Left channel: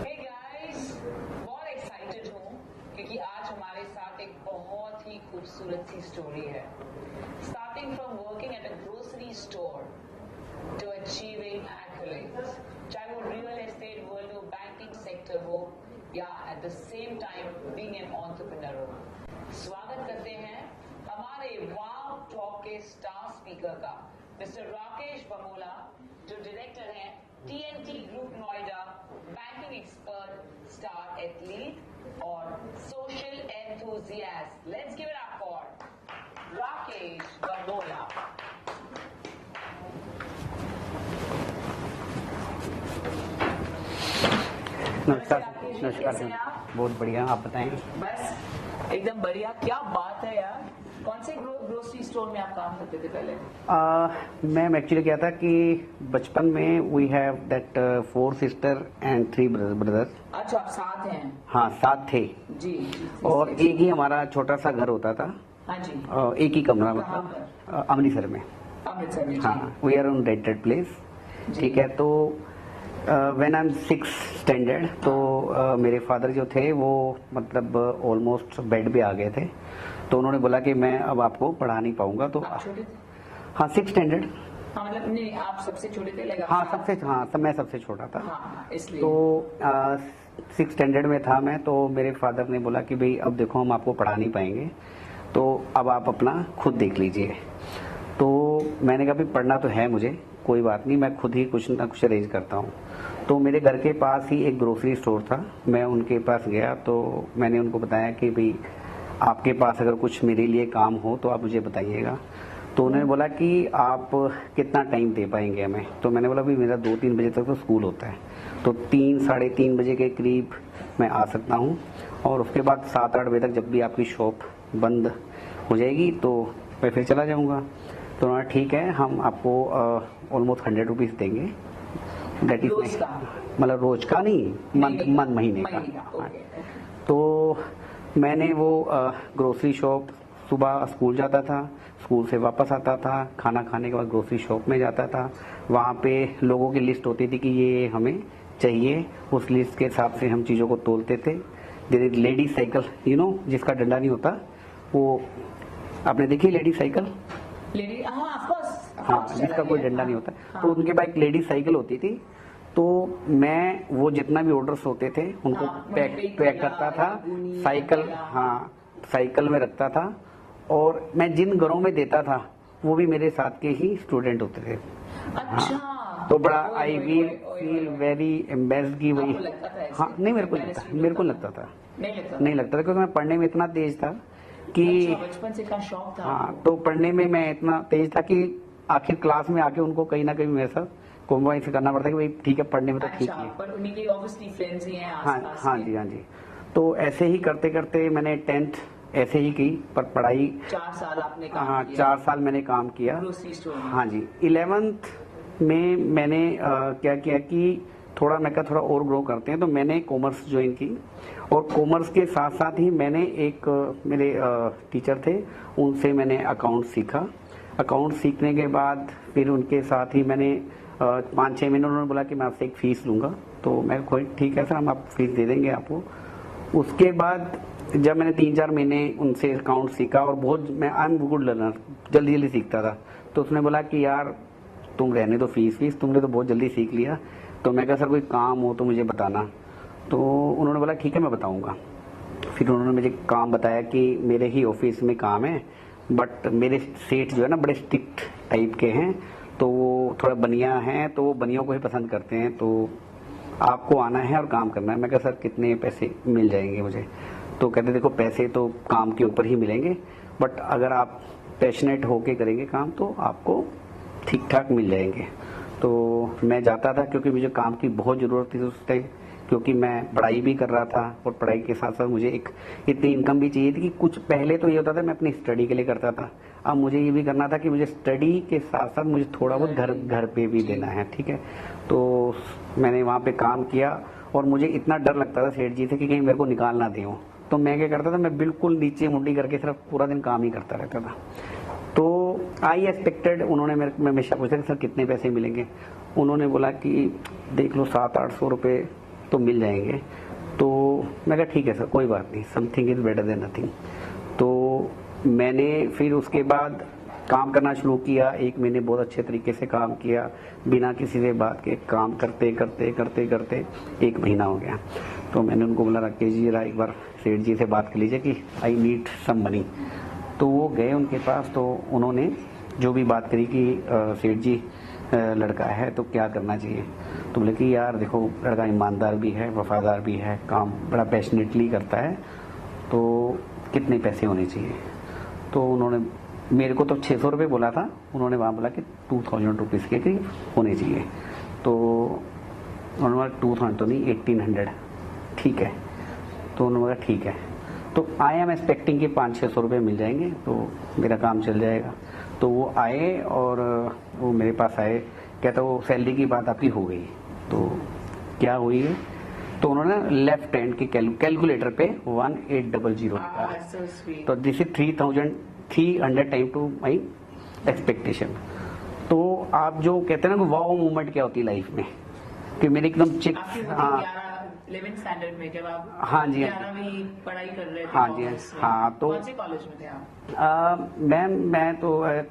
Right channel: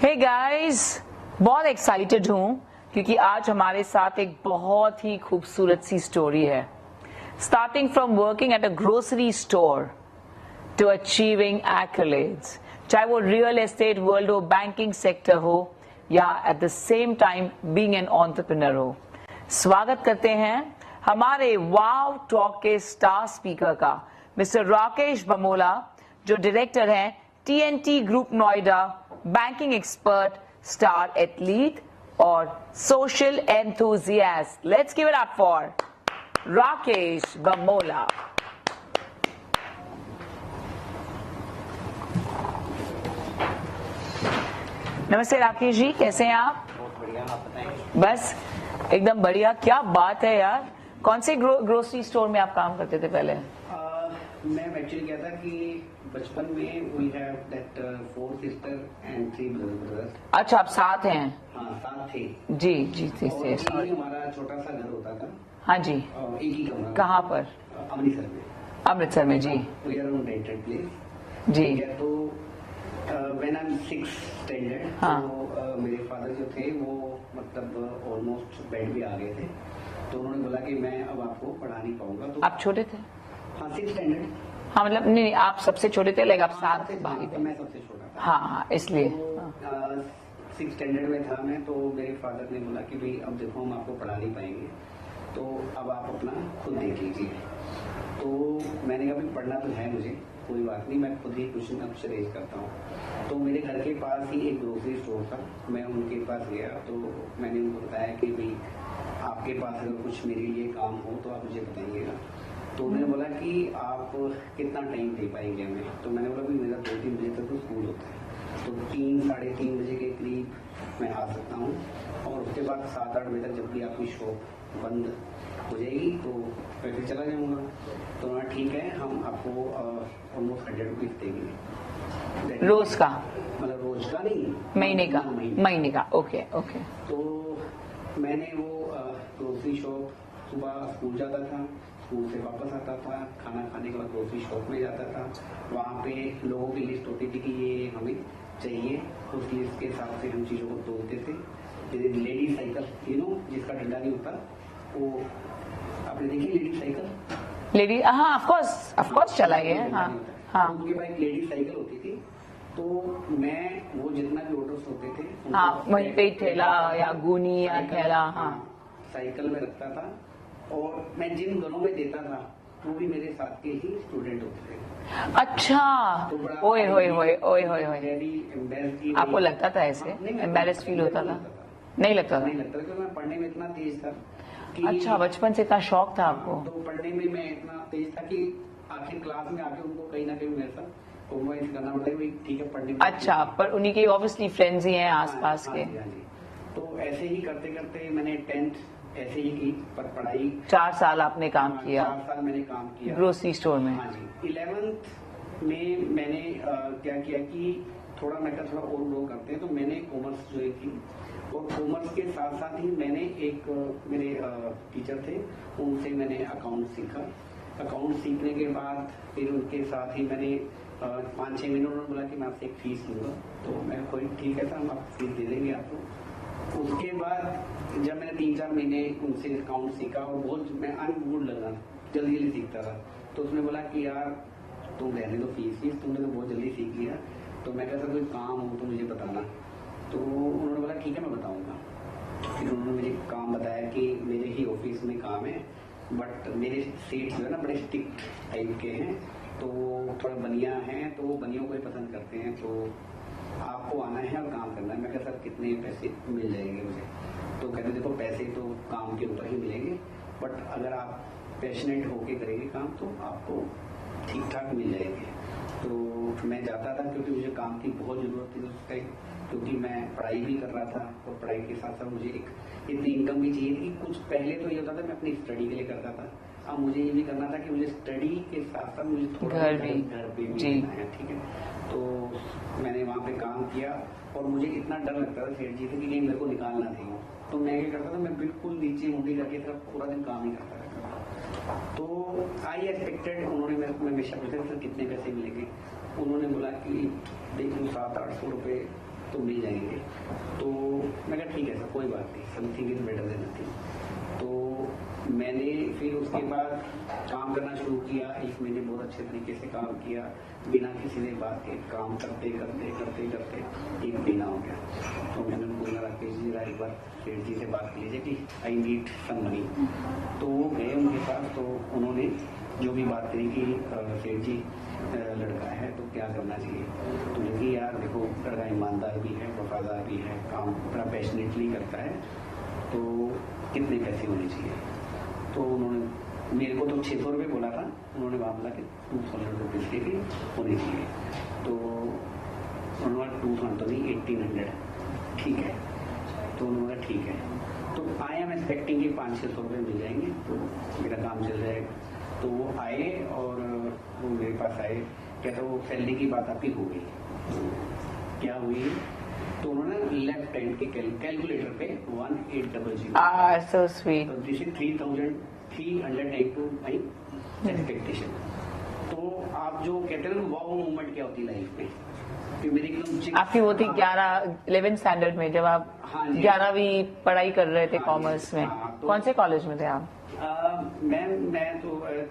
Hey guys, बहुत excited हूँ क्योंकि आज हमारे साथ एक बहुत ही खूबसूरत सी स्टोरी है। Starting from working at a grocery store to achieving accolades, चाहे वो रियल एस्टेट वर्ल्ड हो, बैंकिंग सेक्टर हो या at the same time being an entrepreneur हो। स्वागत करते हैं हमारे वाव टॉक के स्टार स्पीकर का, मिस्टर राकेश बमोला, जो डायरेक्टर हैं TNT group Noida, banking expert, star athlete और social enthusiast. Let's give it up for Rakesh Bamola. नमस्ते राकेश जी, कैसे हैं आप? बहुत बढ़िया, आप बताएं। बस एकदम बढ़िया। क्या बात है यार, कौन से ग्रोसरी स्टोर में आप काम करते थे पहले? मैम एक्चुअली क्या था कि बचपन में we have that 4 sister and 3 brothers. अच्छा, आप साथ हैं? हाँ, साथ थे जी जी जी। और एक ही हमारा छोटा सा घर होता था। हाँ जी। एक ही कमरा। कहाँ पर? अमृतसर में। अमृतसर में जी। We are on rented place. जी। ठीक है, तो when I am 6th standard, तो मेरे फादर जो थे वो मतलब ऑलमोस्ट बेड पे आ गए थे। तो उन्होंने बोला कि मैं अब आपको पढ़ा नहीं पाऊंगा। तो आप छोटे थे? हाँ, 6th स्टैंडर्ड। हाँ मतलब नहीं, आप सबसे छोटे थे? लेकिन हाँ, तो मैं सबसे छोटा था। हाँ, इसलिए। तो 6th स्टैंडर्ड में था मैं, तो मेरे फादर ने बोला कि भाई अब देखो हम आपको पढ़ा नहीं पाएंगे, तो अब आप अपना खुद देख लीजिए। तो मैंने कहा भाई पढ़ना तो है मुझे, कोई बात नहीं, मैं खुद ही कुछ ना कुछ अरेंज करता हूँ। तो मेरे घर के पास ही एक ग्रोसरी स्टोर था, मैं उनके पास गया तो मैंने उनको बताया कि भाई आपके पास अगर कुछ मेरे लिए काम हो तो आप मुझे बताइएगा। तो उन्होंने बोला कि आप कितना टाइम दे पाएंगे हमें। तो मैंने बोला भाई मेरा 2-3 बजे तक तो स्कूल होता है, तो 3-3:30 बजे के करीब मैं आ सकता हूँ, और उसके बाद 7-8 बजे तक जब भी आपकी शॉप बंद हो जाएगी तो मैं फिर चला जाऊँगा। तो उन्होंने ठीक है, हम आपको ऑलमोस्ट 100 रुपीज़ देंगे। रोज का? मतलब रोज का नहीं, महीने का। Okay okay. तो मैंने वो ग्रोसरी शॉप, सुबह स्कूल जाता था, स्कूल से वापस आता था, खाना खाने के बाद ग्रोसरी शॉप में जाता था। वहाँ पे लोगों की लिस्ट होती थी कि ये हमें चाहिए, उस लिस्ट के हिसाब से हम चीज़ों को तोलते थे। लेडीज साइकिल, जिसका डंडा नहीं होता, वो आपने देखी लेडीज साइकिल? लेडी, हाँ ऑफ कोर्स चला गया। कोई डंडा नहीं होता। हाँ। तो उनके पास एक लेडीज साइकिल होती थी, तो मैं वो जितना भी ऑर्डर्स होते थे उनको पैक करता था, साइकिल में रखता था, और मैं जिन घरों में देता था वो भी मेरे साथ के ही स्टूडेंट होते थे। अच्छा। तो बड़ा वेरी एम्बेस्ड की आपको लगता था ऐसे? हाँ, नहीं, मेरे को लगता था। नहीं लगता था क्योंकि मैं पढ़ने में इतना तेज था कि अच्छा, बचपन से इतना शौक था आपको? तो पढ़ने में मैं इतना तेज था कि आखिर क्लास में आके उनको कहीं ना कहीं मेरे साथ कॉम्प्रोमाइज करना पड़ता है कि भाई ठीक है, पढ़ने में अच्छा, पर उन्हीं के ऑब्वियसली फ्रेंड्स ही हैं आसपास के। हाँ जी। तो ऐसे ही करते करते मैंने 10th ऐसे ही की, पर पढ़ाई 4 साल आपने काम किया? 4 साल मैंने काम किया ग्रोसरी स्टोर में। हाँ जी। 11th में मैंने क्या किया कि थोड़ा और ग्रो करते हैं, तो मैंने कॉमर्स ज्वाइन की, और कॉमर्स के साथ साथ ही मैंने एक मेरे टीचर थे, उनसे मैंने अकाउंट सीखा। अकाउंट सीखने के बाद फिर उनके साथ ही मैंने 5-6 महीने, उन्होंने बोला कि मैं आपसे एक फीस लूँगा। तो मैं कोई ठीक है सर, हम आप फीस दे देंगे आपको। उसके बाद जब मैंने 3-4 महीने उनसे अकाउंट सीखा, और बहुत मैं आई एम गुड लर्नर, जल्दी सीखता था, तो उसने बोला कि यार तुम रहने दो फीस, तुमने तो बहुत जल्दी सीख लिया। तो मैं कहा सर कोई काम हो तो मुझे बताना। तो उन्होंने बोला ठीक है मैं बताऊंगा। फिर उन्होंने मुझे काम बताया कि मेरे ही ऑफिस में काम है, बट मेरे सेठ जो है ना बड़े स्ट्रिक्ट टाइप के हैं, तो वो थोड़ा बनिया हैं, तो वो बनियों को ही पसंद करते हैं, तो आपको आना है और काम करना है। मैं कहा सर कितने पैसे मिल जाएंगे मुझे? तो कहते देखो पैसे तो काम के ऊपर ही मिलेंगे, बट अगर आप पैशनेट होके करेंगे काम तो आपको ठीक ठाक मिल जाएंगे। तो मैं जाता था क्योंकि मुझे काम की बहुत ज़रूरत थी उस टाइम, क्योंकि मैं पढ़ाई भी कर रहा था, और पढ़ाई के साथ साथ मुझे एक इतनी इनकम भी चाहिए थी कि कुछ पहले तो ये होता था मैं अपनी स्टडी के लिए करता था, अब मुझे ये भी करना था कि मुझे स्टडी के साथ साथ मुझे थोड़ा बहुत घर पे भी देना है। ठीक है, तो मैंने वहाँ पे काम किया, और मुझे इतना डर लगता था सेठ जी से कि कहीं मेरे को निकाल ना दें। तो मैं क्या करता था, मैं बिल्कुल नीचे मुंडी करके सिर्फ पूरा दिन काम ही करता रहता था। तो आई एक्सपेक्टेड, उन्होंने मैं हमेशा पूछा कि सर कितने पैसे मिलेंगे? उन्होंने बोला कि देख लो 700-800 रुपये तो मिल जाएंगे। तो मैं कहा ठीक है सर, कोई बात नहीं, something is better than nothing. तो मैंने फिर उसके बाद काम करना शुरू किया। 1 महीने बहुत अच्छे तरीके से काम किया, बिना किसी से बात के काम करते करते करते करते 1 महीना हो गया। तो मैंने उनको बोला राकेश जी जरा एक बार सेठ जी से बात कर लीजिए कि आई नीड सम मनी। तो वो गए उनके पास, तो उन्होंने जो भी बात करी कि सेठ जी लड़का है तो क्या करना चाहिए। तो बोले कि यार देखो लड़का ईमानदार भी है, वफादार भी है, काम बड़ा पैशनेटली करता है, तो कितने पैसे होने चाहिए। तो उन्होंने मेरे को तो 600 रुपये बोला था, उन्होंने वहाँ बोला कि 2000 रुपीज़ के करीब होने चाहिए। तो उन्होंने बोला 2000 तो नहीं, 1800 ठीक है। तो उन्होंने बोला ठीक है। तो आई एम एक्सपेक्टिंग कि 500-600 रुपये मिल जाएंगे तो मेरा काम चल जाएगा। तो वो आए और वो मेरे पास आए, कहता वो सैलरी की बात आपकी हो गई। तो क्या हुई, तो उन्होंने लेफ्ट हैंड की कैलकुलेटर पे 1800 so sweet. तो this is 3300 time to my expectation. तो आप जो कहते हैं ना वाओ मूवमेंट क्या होती है लाइफ में, कि मेरी एकदम चिक आपकी वो थी 11 स्टैंडर्ड में जब आप हाँ जी 11वीं पढ़ाई कर रहे थे हाँ जी, कॉमर्स में। हाँ, तो कौन से कॉलेज में थे आप? मैं तो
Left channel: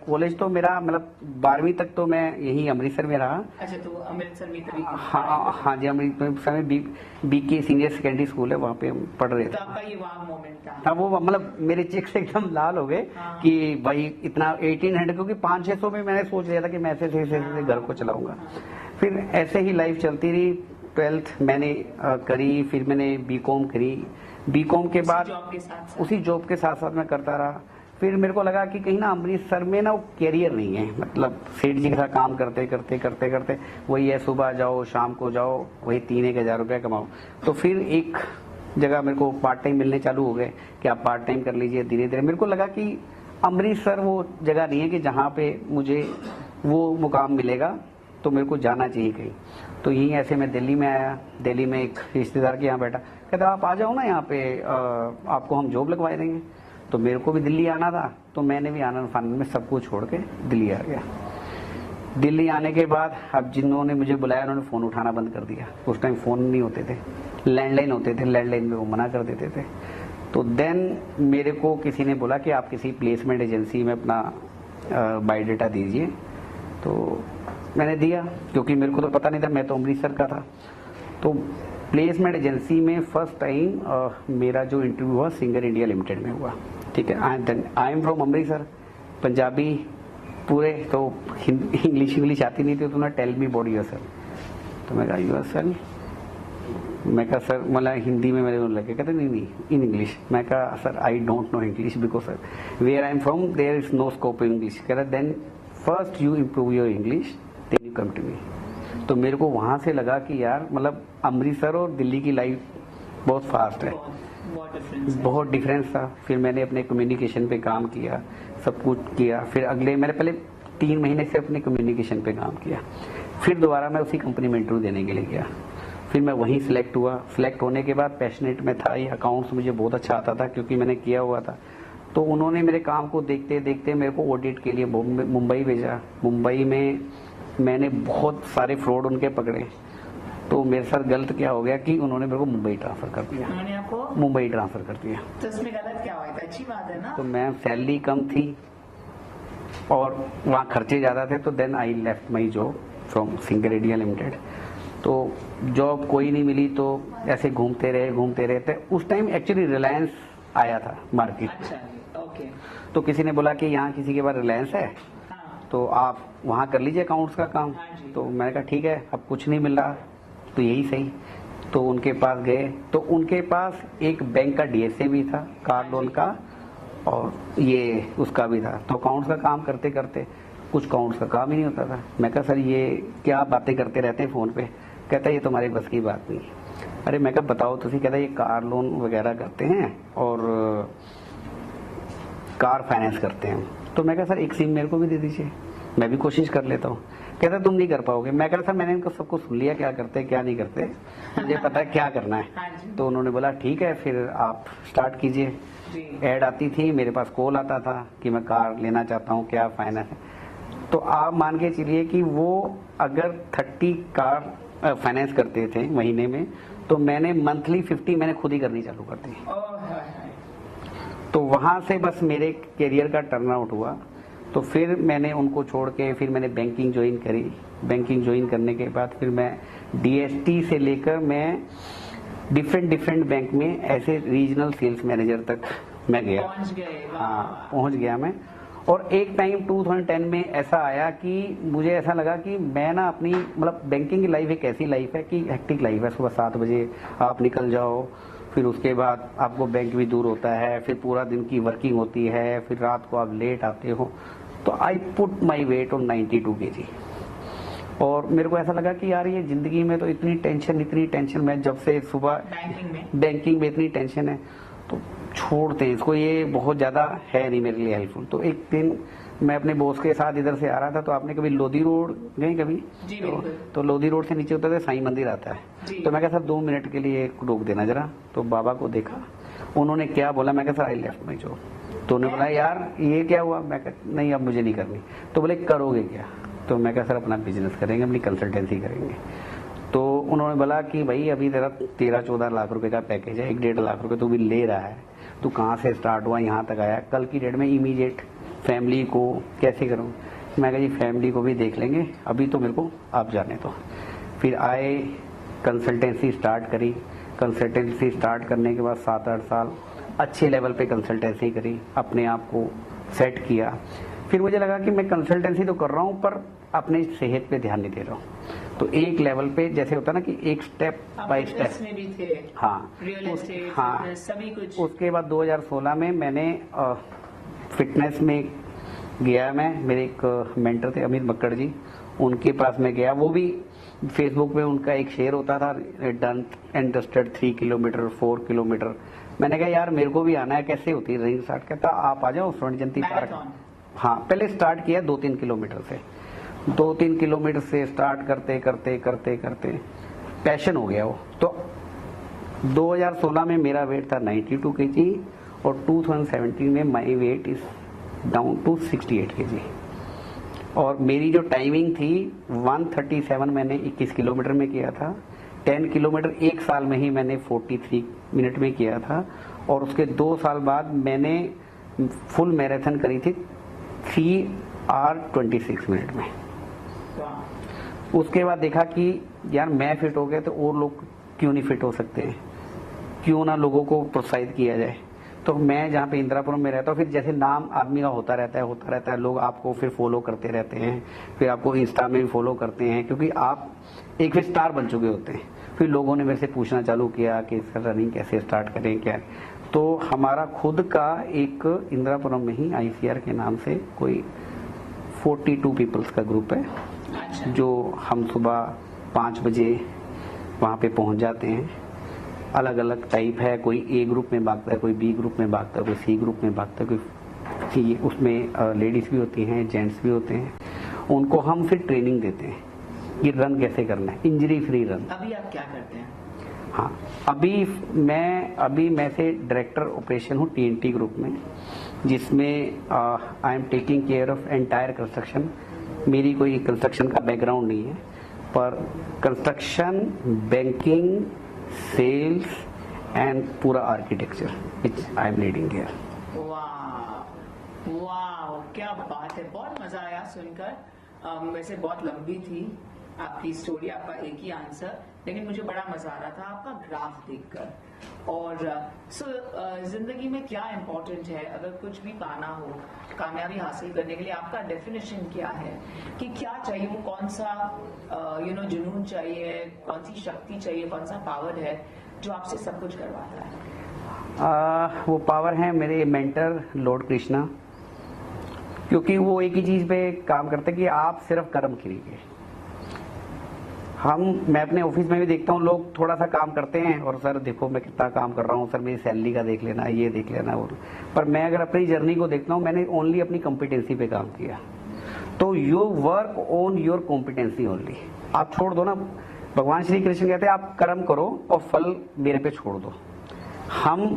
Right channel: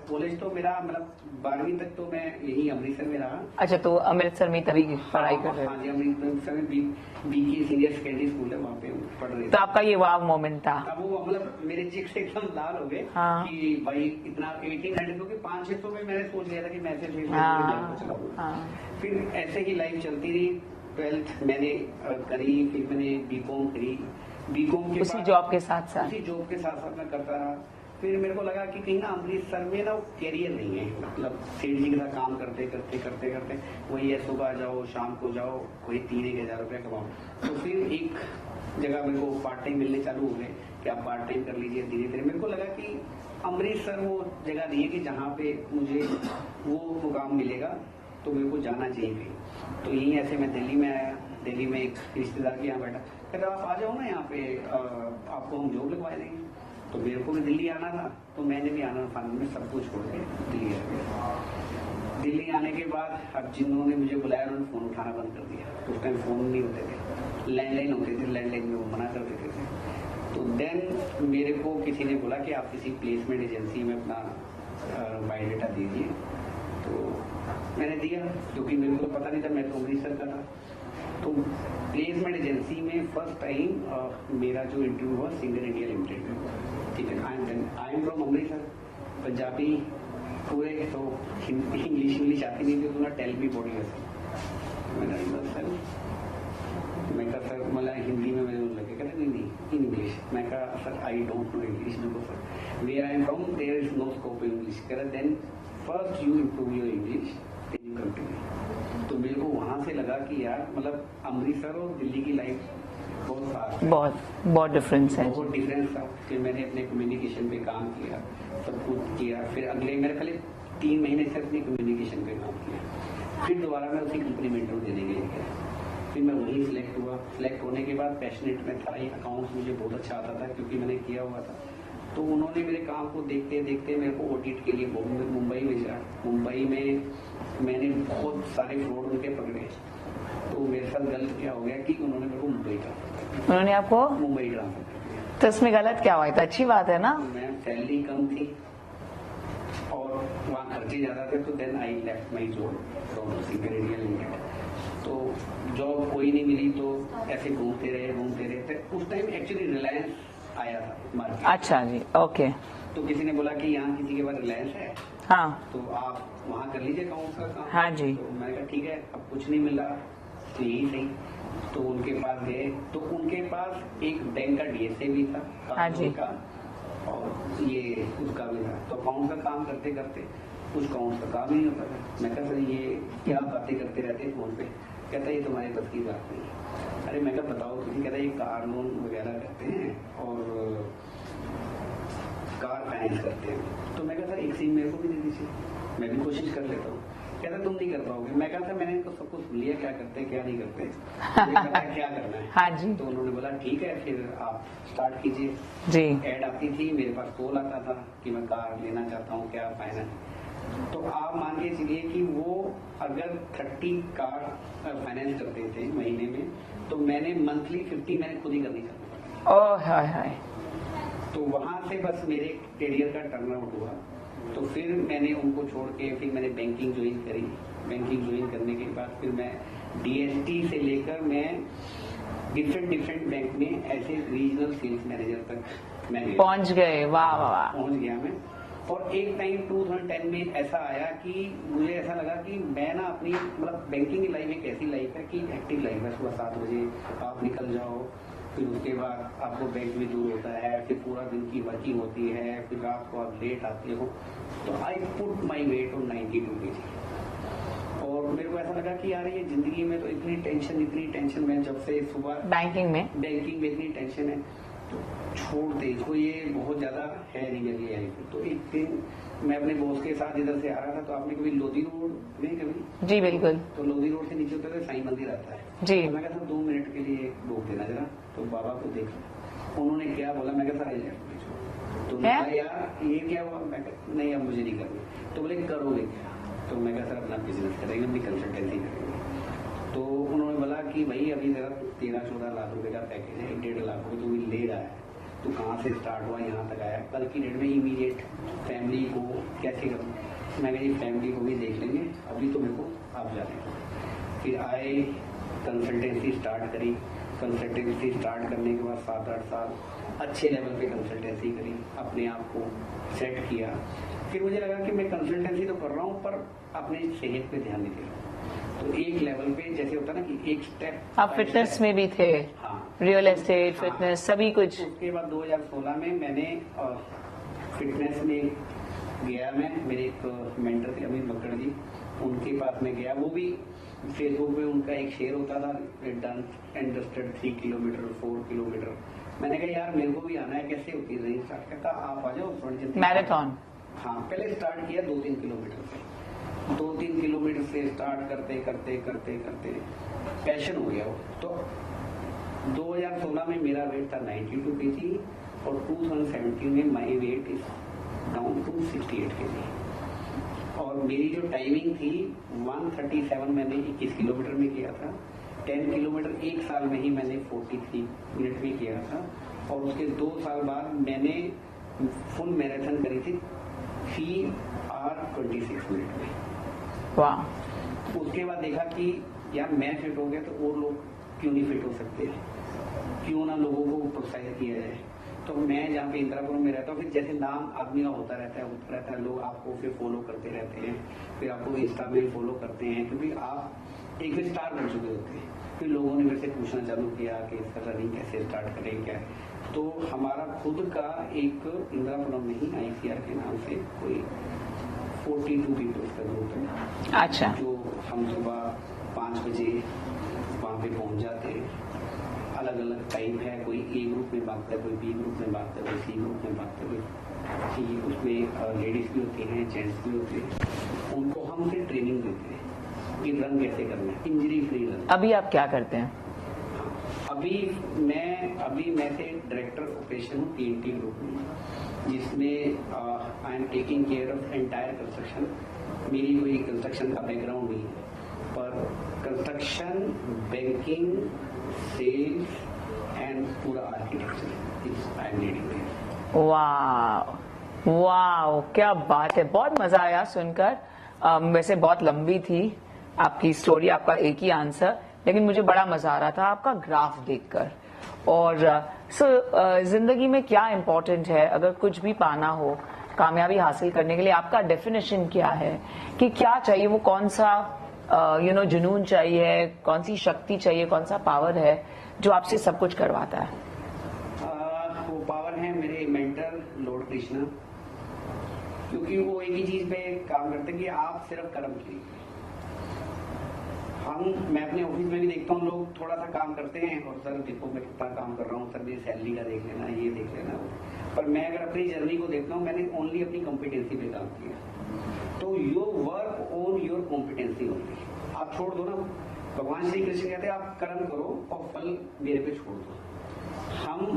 कॉलेज तो मेरा मतलब 12वीं तक तो मैं यही अमृतसर में रहा। अच्छा, तो अमृतसर में तभी पढ़ाई कर रहे हाँ जी, अमृतसर में बीके सीनियर सेकेंडरी स्कूल है, वहाँ पे हम पढ़ रहे थे। थे। तो आपका ये वाव मोमेंट था? हाँ, वो मतलब मेरे चेक्स एकदम लाल हो गए हाँ। कि भाई इतना 1800, क्योंकि 500-600 में मैंने सोच लिया था कि मैं ऐसे घर को चलाऊंगा। हाँ। फिर ऐसे ही लाइफ चलती रही। 12th मैंने करी, फिर मैंने बीकॉम करी। बीकॉम के बाद जॉब के साथ उसी जॉब के साथ साथ मैं करता रहा। फिर मेरे को लगा कि कहीं ना अमृतसर में ना वो कैरियर नहीं है, मतलब सेठ जी के साथ काम करते करते करते करते वही है, सुबह जाओ शाम को जाओ, वही 3-1 हज़ार रुपया कमाओ। तो फिर एक जगह मेरे को पार्ट टाइम मिलने चालू हो गए कि आप पार्ट टाइम कर लीजिए। धीरे धीरे मेरे को लगा कि अमृतसर वो जगह नहीं है कि जहाँ पे मुझे वो मुकाम मिलेगा, तो मेरे को जाना चाहिए कहीं। तो यही ऐसे मैं दिल्ली में आया। दिल्ली में एक रिश्तेदार के यहाँ बैठा, कहता आप आ जाओ ना यहाँ पे, आपको हम जॉब लगवा देंगे। तो मेरे को भी दिल्ली आना था, तो मैंने भी आनंद फानंद में सब कुछ छोड़ के दिल्ली आ गया। दिल्ली आने के बाद अब जिन्होंने मुझे बुलाया उन्होंने फ़ोन उठाना बंद कर दिया। उस टाइम फ़ोन नहीं होते थे, लैंडलाइन होते थे, लैंडलाइन में वो मना कर देते थे। तो देन मेरे को किसी ने बोला कि आप किसी प्लेसमेंट एजेंसी में अपना बायोडाटा दीजिए। तो मैंने दिया, क्योंकि मेरे को तो पता नहीं था, मैं तो अमृतसर का था। तो प्लेसमेंट एजेंसी में फर्स्ट टाइम मेरा जो इंटरव्यू हुआ सिंगर इंडिया लिमिटेड में हुआ। ठीक है, आई एम फ्रॉम अमृतसर, पंजाबी पूरे, तो इंग्लिश आती नहीं थी। तो ना टेल मी अबाउट योरसेल्फ। तो मैं कहा योरसेल्फ, मैं कहा सर मतलब हिंदी में मेरे लगे, कहते नहीं इन इंग्लिश। मैं कहा sir I don't know English because sir where I am from there is no scope in English. कहता then first you improve your English then you come to me. तो मेरे को वहां से लगा कि यार मतलब अमृतसर और दिल्ली की लाइफ बहुत फास्ट है, बहुत डिफरेंस है, बहुत डिफरेंस था। फिर मैंने अपने कम्युनिकेशन पे काम किया, सब कुछ किया। फिर अगले मैंने पहले 3 महीने से अपने कम्युनिकेशन पे काम किया। फिर दोबारा मैं उसी कंपनी में इंटरव्यू देने के लिए गया। फिर मैं वहीं सिलेक्ट हुआ। सिलेक्ट होने के बाद पैशनेट में था, ये अकाउंट्स मुझे बहुत अच्छा आता था क्योंकि मैंने किया हुआ था। तो उन्होंने मेरे काम को देखते देखते मेरे को ऑडिट के लिए मुंबई भेजा। मुंबई में मैंने बहुत सारे फ्रॉड उनके पकड़े। तो मेरे साथ गलत क्या हो गया कि उन्होंने मेरे को मुंबई ट्रांसफर कर दिया। उन्होंने आपको मुंबई ट्रांसफर कर दिया। तो इसमें गलत क्या हुआ? तो अच्छी बात है ना। तो मैं सैलरी कम थी और वहाँ खर्चे ज्यादा थे। तो then I left my job from Singer India limited. तो जॉब कोई नहीं मिली, तो ऐसे घूमते रहे। उस टाइम एक्चुअली रिलायंस आया था मार्केट। अच्छा जी, ओके। तो किसी ने बोला कि यहाँ किसी के पास रिलायंस है, हाँ, तो आप वहाँ कर लीजिए अकाउंट्स का काम। हाँ जी। तो मैंने कहा ठीक है, अब कुछ नहीं मिल रहा तो यही सही। तो उनके पास गए, तो उनके पास एक बैंक का डीएसए भी था, कार लोन का, और ये उसका भी था। तो अकाउंट्स का काम करते करते कुछ अकाउंट्स का काम ही नहीं होता था। मैं कहा सर ये क्या बातें करते रहते हैं फोन पे। कहता ये तुम्हारे बस की बात नहीं। अरे मैं कहा बताओ तुसी। कहता ये कार लोन वगैरह करते हैं और कार फाइनेंस करते हैं। तो मैं कहा सर एक सिम मेरे को भी दे दीजिए, मैं भी कोशिश कर लेता हूँ। कहता तुम नहीं कर पाओगे। मैं कहा सर मैंने इनको सबको सुन लिया, क्या करते हैं क्या नहीं करते, मुझे पता है क्या करना है। हाँ जी। तो उन्होंने बोला ठीक है फिर आप स्टार्ट कीजिए जी। ऐड आती थी, मेरे पास कॉल आता था कि मैं कार लेना चाहता हूँ, क्या फाइनेंस है। तो आप मान के चलिए कि वो अगर 30 कार फाइनेंस करते थे महीने में, तो मैंने मंथली 50 मैंने खुद ही करनी चालू कर दी। ओह हाय हाय। तो वहां से बस मेरे करियर का टर्न आउट हुआ। तो फिर मैंने उनको छोड़ के फिर मैंने बैंकिंग ज्वाइन करी। बैंकिंग ज्वाइन करने के बाद फिर मैं DST से लेकर मैं डिफरेंट बैंक में ऐसे रीजनल सेल्स मैनेजर तक मैं गया, पहुंच गए। वाह वाह। पहुंच गया मैं। और एक टाइम 2010 में ऐसा आया कि मुझे ऐसा लगा कि मैं ना अपनी मतलब बैंकिंग की लाइफ एक ऐसी लाइफ है कि हेक्टिक लाइफ है। सुबह 7 बजे आप निकल जाओ, फिर उसके बाद आपको बैंक भी दूर होता है, फिर पूरा दिन की वर्किंग होती है, फिर रात को आप लेट आते हो। तो I put my weight on 92 kg। और मेरे को ऐसा लगा कि यार ये जिंदगी में तो इतनी टेंशन, मैं जब से सुबह बैंकिंग में इतनी टेंशन है तो छोड़ते हैं इसको, ये बहुत ज्यादा है नहीं मेरे लिए हेल्पफुल। तो एक दिन मैं अपने बॉस के साथ इधर से आ रहा था, तो आपने कभी लोधी रोड गए कभी? जी बिल्कुल। तो लोधी रोड से नीचे उतरते साईं मंदिर आता है जी। तो मैं कहा सर 2 मिनट के लिए रोक देना जरा। तो बाबा को देखा, उन्होंने क्या बोला, मैं कहा sir I left my job. तो उन्होंने बोला यार ये क्या हुआ? मैं कहा नहीं अब मुझे नहीं करनी। तो बोले करोगे क्या? तो मैं कहा सर अपना बिजनेस करेंगे, अपनी कंसल्टेंसी करेंगे। तो उन्होंने बोला कि भाई अभी तेरा 13-14 लाख रुपए का पैकेज है, 1-1.5 लाख रुपए तू भी ले रहा है, तू कहाँ से स्टार्ट हुआ यहाँ तक आया, कल की डेट में इमीडिएट फैमिली को कैसे करूँ? मैं कहा जी फैमिली को भी देख लेंगे, अभी तो मेरे को आप जाने दो। फिर आए, कंसल्टेंसी स्टार्ट करी। कंसल्टेंसी स्टार्ट करने के बाद 7-8 साल अच्छे लेवल पे कंसल्टेंसी करी, अपने आप को सेट किया। फिर मुझे लगा कि मैं कंसल्टेंसी तो कर रहा हूँ पर अपने सेहत पे ध्यान नहीं दे रहा हूँ। तो एक लेवल पे जैसे होता ना कि एक स्टेप आप फिटनेस में भी थे? हाँ, रियल एस्टेट, हाँ, फिटनेस सभी कुछ। उसके बाद 2016 में मैंने फिटनेस में गया। मैं मेरे एक मेंटर थे अमित मक्कड़ जी, उनके पास में गया। वो भी फेसबुक पे उनका एक शेयर होता था done and dusted 3 kilometre 4 kilometre. मैंने कहा यार मेरे को भी आना है, कैसे होती है रनिंग स्टार्ट? कहता आप आ जाओ स्वर्ण जयंती मैराथन। हाँ, पहले स्टार्ट किया 2-3 किलोमीटर से। 2-3 किलोमीटर से स्टार्ट करते करते करते करते पैशन हो गया वो। तो 2016 में मेरा वेट था 92 kg और 2017 में my weight is down to 68 kg। और मेरी जो टाइमिंग थी 1:37 मैंने 21 किलोमीटर में किया था। 10 किलोमीटर एक साल में ही मैंने 43 मिनट में किया था। और उसके 2 साल बाद मैंने फुल मैराथन करी थी 3:26 मिनट में। वाह। उसके बाद देखा कि यार मैं फिट हो गया तो और लोग क्यों नहीं फिट हो सकते, क्यों ना लोगों को प्रोत्साहित किया जाए। तो मैं जहाँ पे इंदिरापुरम में रहता हूँ, फिर जैसे नाम आदमी का होता रहता है, लोग आपको फिर फॉलो करते रहते हैं, फिर आपको इंस्टा में भी फॉलो करते हैं क्योंकि आप एक फिर स्टार बन चुके होते हैं। फिर लोगों ने मेरे से पूछना चालू किया कि सर रनिंग कैसे स्टार्ट करें क्या। तो हमारा खुद का एक इंदिरापुरम में ही ICR के नाम से कोई 42 पीपल्स का ग्रुप है। अच्छा। जो हम सुबह 5 बजे वहाँ पे पहुँच जाते हैं। अलग अलग टाइप है, कोई A ग्रुप में भागता है, कोई B ग्रुप में भागता है, कोई C ग्रुप में भागता है, कोई उसमें लेडीज भी होती हैं, जेंट्स भी होते हैं। उनको हम फिर ट्रेनिंग देते हैं कि रन कैसे करना है, इंजरी फ्री रन। अभी आप क्या करते हैं? हाँ, अभी मैं से डायरेक्टर ऑपरेशन हूँ TNT ग्रुप में, जिसमें I am taking care of entire construction. मेरी कोई कंस्ट्रक्शन का बैकग्राउंड नहीं है, पर कंस्ट्रक्शन, बैंकिंग, सेल्स एंड पूरा architecture which I am leading here. वाह वाह, क्या बात है, बहुत मजा आया सुनकर। वैसे बहुत लंबी थी आपकी स्टोरी, आपका एक ही आंसर, लेकिन मुझे बड़ा मजा आ रहा था आपका ग्राफ देखकर। और जिंदगी में क्या इम्पोर्टेंट है, अगर कुछ भी पाना हो, कामयाबी हासिल करने के लिए आपका डेफिनेशन क्या है कि क्या चाहिए, वो कौन सा जुनून चाहिए, कौन सी शक्ति चाहिए, कौन सा पावर है जो आपसे सब कुछ करवाता है? वो पावर है मेरे मेंटर लॉर्ड कृष्णा, क्योंकि वो एक ही चीज पे काम करते कि आप सिर्फ कर्म कीजिए। मैं अपने ऑफिस में भी देखता हूँ लोग थोड़ा सा काम करते हैं और सर देखो मैं कितना काम कर रहा हूँ, सर मेरी सैलरी का देख लेना, ये देख लेना वो। पर मैं अगर अपनी जर्नी को देखता हूँ, मैंने ओनली अपनी कॉम्पिटेंसी पे काम किया। तो you work on your competency only. आप छोड़ दो ना, भगवान श्री कृष्ण कहते हैं आप कर्म करो और फल मेरे पे छोड़ दो। हम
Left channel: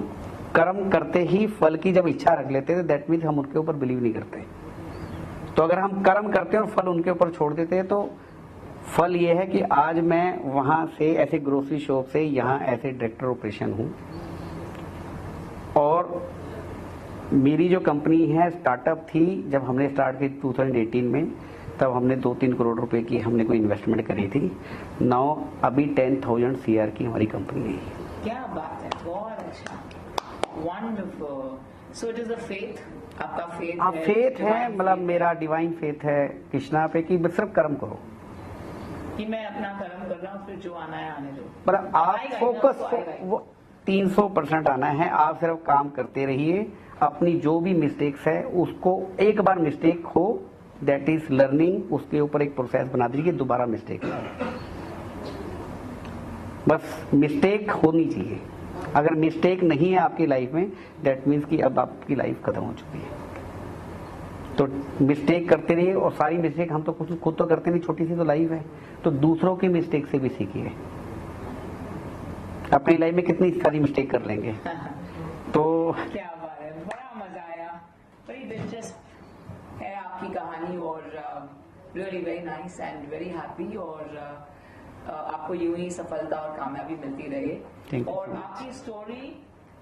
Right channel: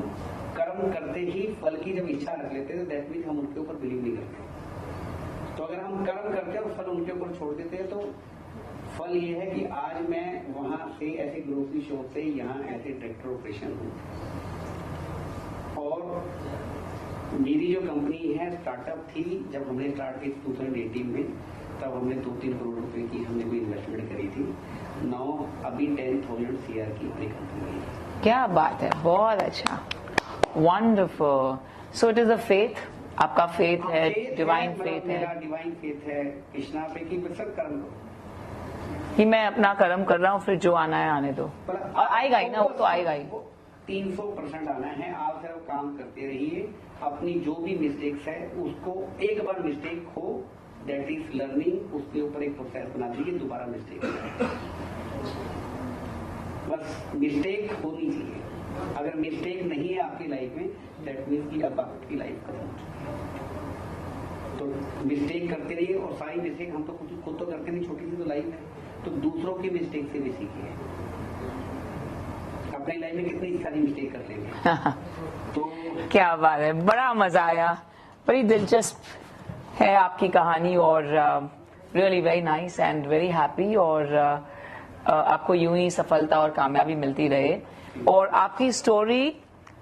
कर्म करते ही फल की जब इच्छा रख लेते हैं, दैट मीन्स हम उनके ऊपर बिलीव नहीं करते। तो अगर हम कर्म करते हैं और फल उनके ऊपर छोड़ देते हैं तो फल ये है कि आज मैं वहां से ऐसे ग्रोसरी शॉप से यहाँ ऐसे डायरेक्टर ऑपरेशन हूँ। और मेरी जो कंपनी है स्टार्टअप थी, जब हमने स्टार्ट की 2018 में, तब हमने 2-3 करोड़ रुपए की हमने कोई इन्वेस्टमेंट करी थी। नाउ अभी 10,000 CR की हमारी कंपनी है। क्या बात है, बहुत अच्छा, wonderful. So it is a faith, आपका फेथ है, फेथ है, divine मतलब faith मेरा है डिवाइन फेथ है कृष्णा पे कि बस सिर्फ कर्म करो, कि मैं अपना कर्म कर रहा हूँ, फिर जो आना है आने दो। पर आएगा ही ना, वो तो आएगा ही। वो 300% आना है। आप सिर्फ काम करते रहिए, अपनी जो भी मिस्टेक्स है उसको, एक बार मिस्टेक हो दैट इज लर्निंग, उसके ऊपर एक प्रोसेस बना दीजिए, दोबारा मिस्टेक नहीं। बस मिस्टेक होनी चाहिए। अगर मिस्टेक नहीं है आपकी लाइफ में, दैट मीन्स कि अब आपकी लाइफ खत्म हो चुकी है। तो मिस्टेक करते रहिए, और सारी मिस्टेक हम तो खुद तो करते नहीं, छोटी सी तो लाइफ है, तो दूसरों की मिस्टेक से भी सीखिए। अपनी लाइफ में कितनी सारी मिस्टेक कर लेंगे। तो क्या बात है, बड़ा मजा आया, बड़ी दिलचस्प है आपकी कहानी, और really very nice and very happy. और आपको यूं ही सफलता और कामयाबी मिलती रहे, और आपकी स्टोरी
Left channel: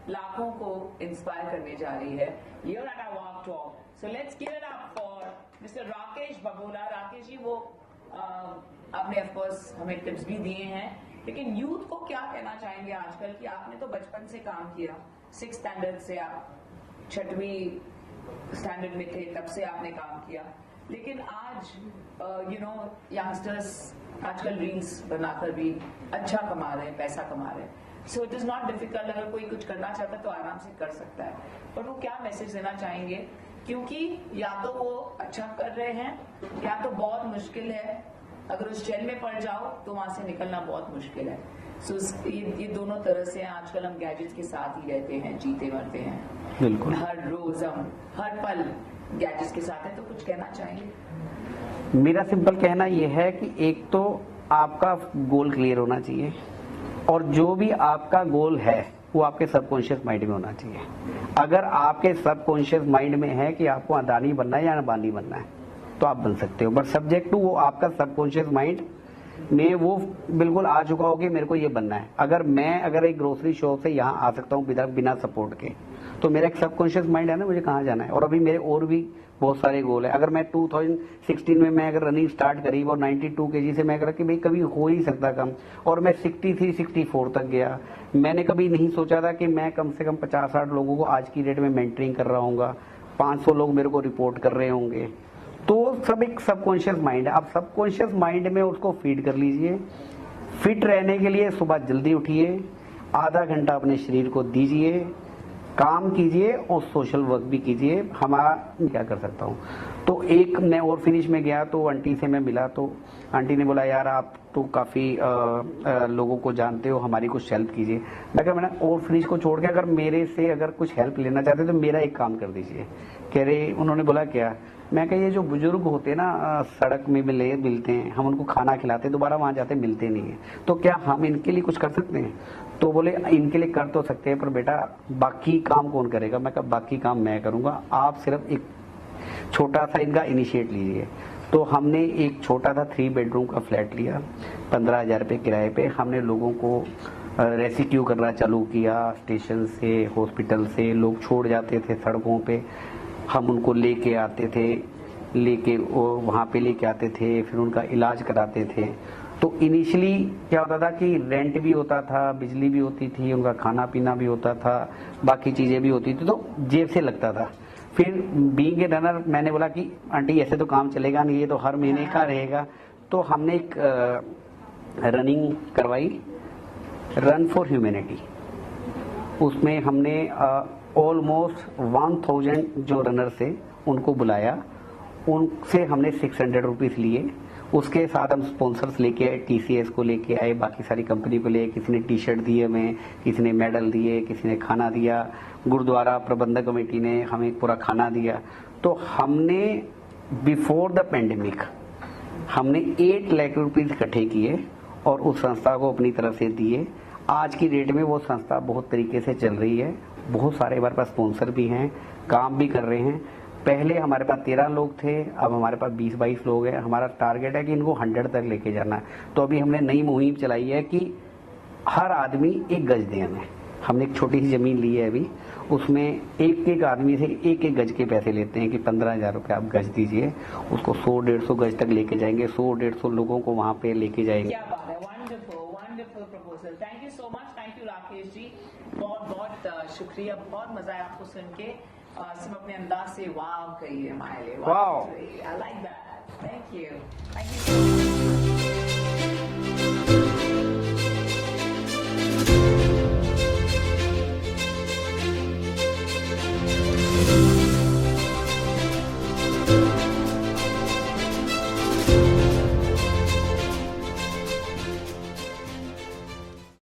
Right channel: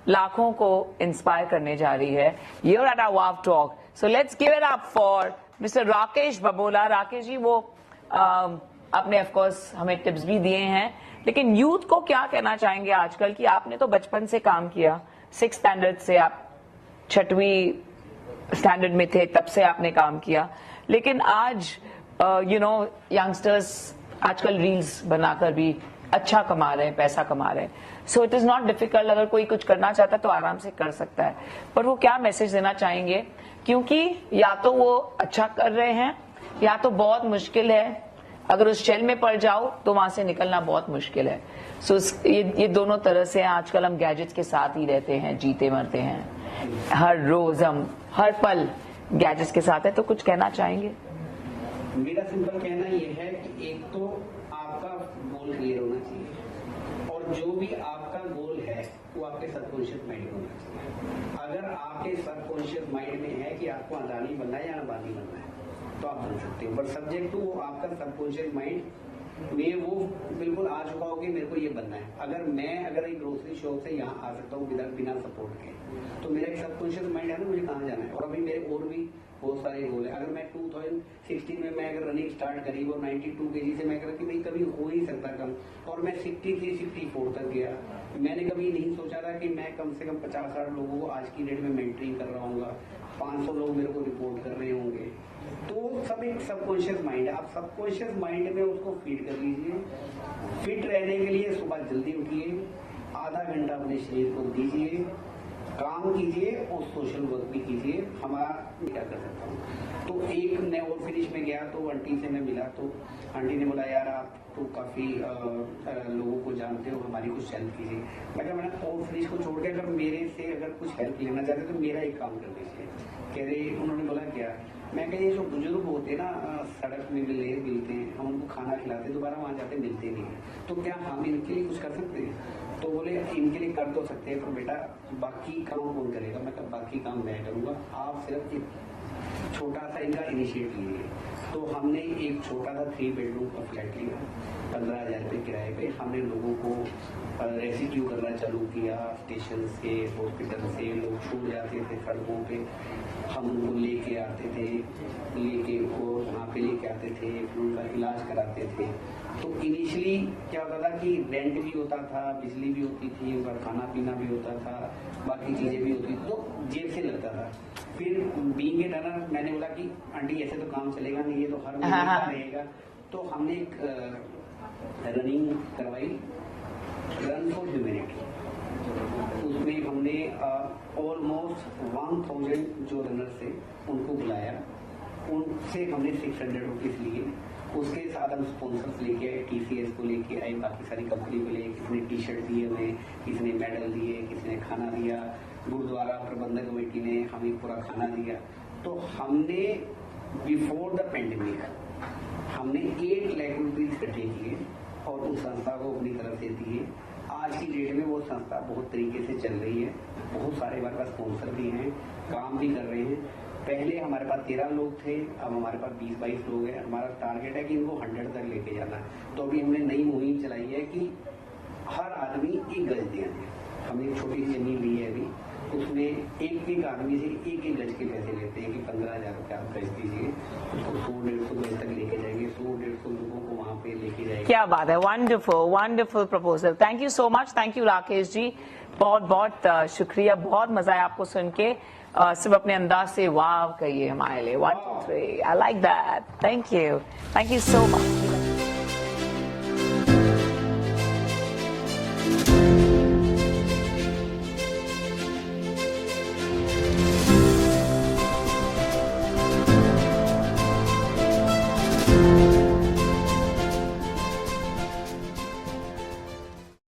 लाखों को इंस्पायर करने जा रही है। Here at our WOW Talk, so let's give it up for Mr. Rakesh बबोला। Rakesh ji, वो आपने ऑफ कोर्स हमें टिप्स भी दिए हैं, लेकिन यूथ को क्या कहना चाहेंगे आजकल, कि आपने तो बचपन से काम किया, 6th स्टैंडर्ड से आप 6वीं स्टैंडर्ड में थे, तब से आपने काम किया, लेकिन आज यंगस्टर्स आजकल रील्स बनाकर भी अच्छा कमा रहे हैं, पैसा कमा रहे हैं। So it is not difficult, अगर कोई कुछ करना चाहता है तो आराम से कर सकता है। पर वो क्या मैसेज देना चाहेंगे, क्योंकि या तो वो अच्छा कर रहे हैं, या तो बहुत मुश्किल है, अगर उस चैन में पड़ जाओ तो वहां से निकलना बहुत मुश्किल है। सो ये दोनों तरह से आजकल हम गैजेट्स के साथ ही रहते हैं, जीते मरते हैं, हर रोज हम हर पल गैजेट्स के साथ है। तो कुछ कहना चाहेंगे? मेरा सिंपल कहना यह है कि एक तो आपका गोल क्लियर होना चाहिए, और जो भी आपका गोल है वो आपके सबकॉन्शियस माइंड में होना चाहिए। अगर आपके सबकॉन्शियस माइंड में है कि आपको अदानी बनना है या अंबानी बनना है, तो आप बन सकते हो, बट सब्जेक्ट टू वो आपका सबकॉन्शियस माइंड में वो बिल्कुल आ चुका हो कि मेरे को ये बनना है। अगर एक ग्रोसरी शॉप से यहाँ आ सकता हूँ बिना सपोर्ट के, तो मेरा एक सबकॉन्शियस माइंड है ना, मुझे कहाँ जाना है। और अभी मेरे और भी बहुत सारे गोल है। अगर मैं 2016 में मैं अगर रनिंग स्टार्ट करी और 92 kg से मैं अगर कि भाई कभी हो ही सकता कम, और मैं 63-64 तक गया। मैंने कभी नहीं सोचा था कि मैं कम से कम 50-60 लोगों को आज की डेट में मेंटरिंग कर रहा हूँ, 500 लोग मेरे को रिपोर्ट कर रहे होंगे। तो सब एक सबकॉन्शियस माइंड है। आप सबकॉन्शियस माइंड में उसको फीड कर लीजिए। फिट रहने के लिए सुबह जल्दी उठिए, आधा घंटा अपने शरीर को दीजिए, काम कीजिए और सोशल वर्क भी कीजिए। हमारा क्या कर सकता हूँ, तो एक मैं और फिनिश में गया तो आंटी से मैं मिला, तो आंटी ने बोला यार आप तो काफ़ी लोगों को जानते हो, हमारी कुछ हेल्प कीजिए। मैं कहा मैंने और फिनिश को छोड़ के अगर मेरे से अगर कुछ हेल्प लेना चाहते तो मेरा एक काम कर दीजिए। कह रहे, उन्होंने बोला क्या? मैं कहा ये जो बुजुर्ग होते हैं ना सड़क में मिलते हैं, हम उनको खाना खिलाते दोबारा वहाँ जाते मिलते नहीं है, तो क्या हम इनके लिए कुछ कर सकते हैं? तो बोले इनके लिए कर तो सकते हैं, पर बेटा बाकी काम कौन करेगा? मैं कहा बाकी काम मैं करूँगा, आप सिर्फ एक छोटा सा इनका इनिशिएट लीजिए। तो हमने एक छोटा सा 3 बेडरूम का फ्लैट लिया, 15,000 रुपये किराए पे। हमने लोगों को रेस्क्यू करना चालू किया, स्टेशन से हॉस्पिटल से लोग छोड़ जाते थे सड़कों पे, हम उनको लेके आते थे, लेके वो वहाँ पे लेके आते थे, फिर उनका इलाज कराते थे। तो इनिशियली क्या होता था कि रेंट भी होता था, बिजली भी होती थी, उनका खाना पीना भी होता था, बाकी चीज़ें भी होती थी, तो जेब से लगता था। फिर बीइंग ए रनर मैंने बोला कि आंटी ऐसे तो काम चलेगा नहीं, ये तो हर महीने का रहेगा। तो हमने एक रनिंग करवाई, रन फॉर ह्यूमैनिटी। उसमें हमने ऑलमोस्ट 1000 जो रनर थे उनको बुलाया, उनसे हमने 600 रुपीज़ लिए। उसके साथ हम स्पॉन्सर्स लेके आए, TCS को लेके आए, बाकी सारी कंपनी को ले, किसी ने टी-शर्ट दिए हमें, किसी ने मेडल दिए, किसी ने खाना दिया, गुरुद्वारा प्रबंधक कमेटी ने हमें पूरा खाना दिया। तो हमने बिफोर द पेंडेमिक हमने 8 लाख रुपीज़ इकट्ठे किए और उस संस्था को अपनी तरफ से दिए। आज की डेट में वो संस्था बहुत तरीके से चल रही है, बहुत सारे हमारे पास स्पॉन्सर भी हैं, काम भी कर रहे हैं। पहले हमारे पास 13 लोग थे, अब हमारे पास 20-22 लोग हैं। हमारा टारगेट है कि इनको 100 तक लेके जाना है। तो अभी हमने नई मुहिम चलाई है कि हर आदमी 1 गज दें हमें। हमने एक छोटी सी जमीन ली है अभी, उसमें एक आदमी से 1 गज के पैसे लेते हैं कि 15,000 रुपये आप गज दीजिए। उसको 100-150 गज तक लेके जाएंगे, 100-150 लोगों को वहाँ पे लेके जाएंगे। क्या बात है, wonderful wonderful proposal. Thank you so much, thank you Rakesh ji, बहुत बहुत शुक्रिया, बहुत मजा आया आपको सुन के। सिर्फ अपने अंदाज से वाव कहिए हमारे लिए। 1 2 3 I like that, thank you so much.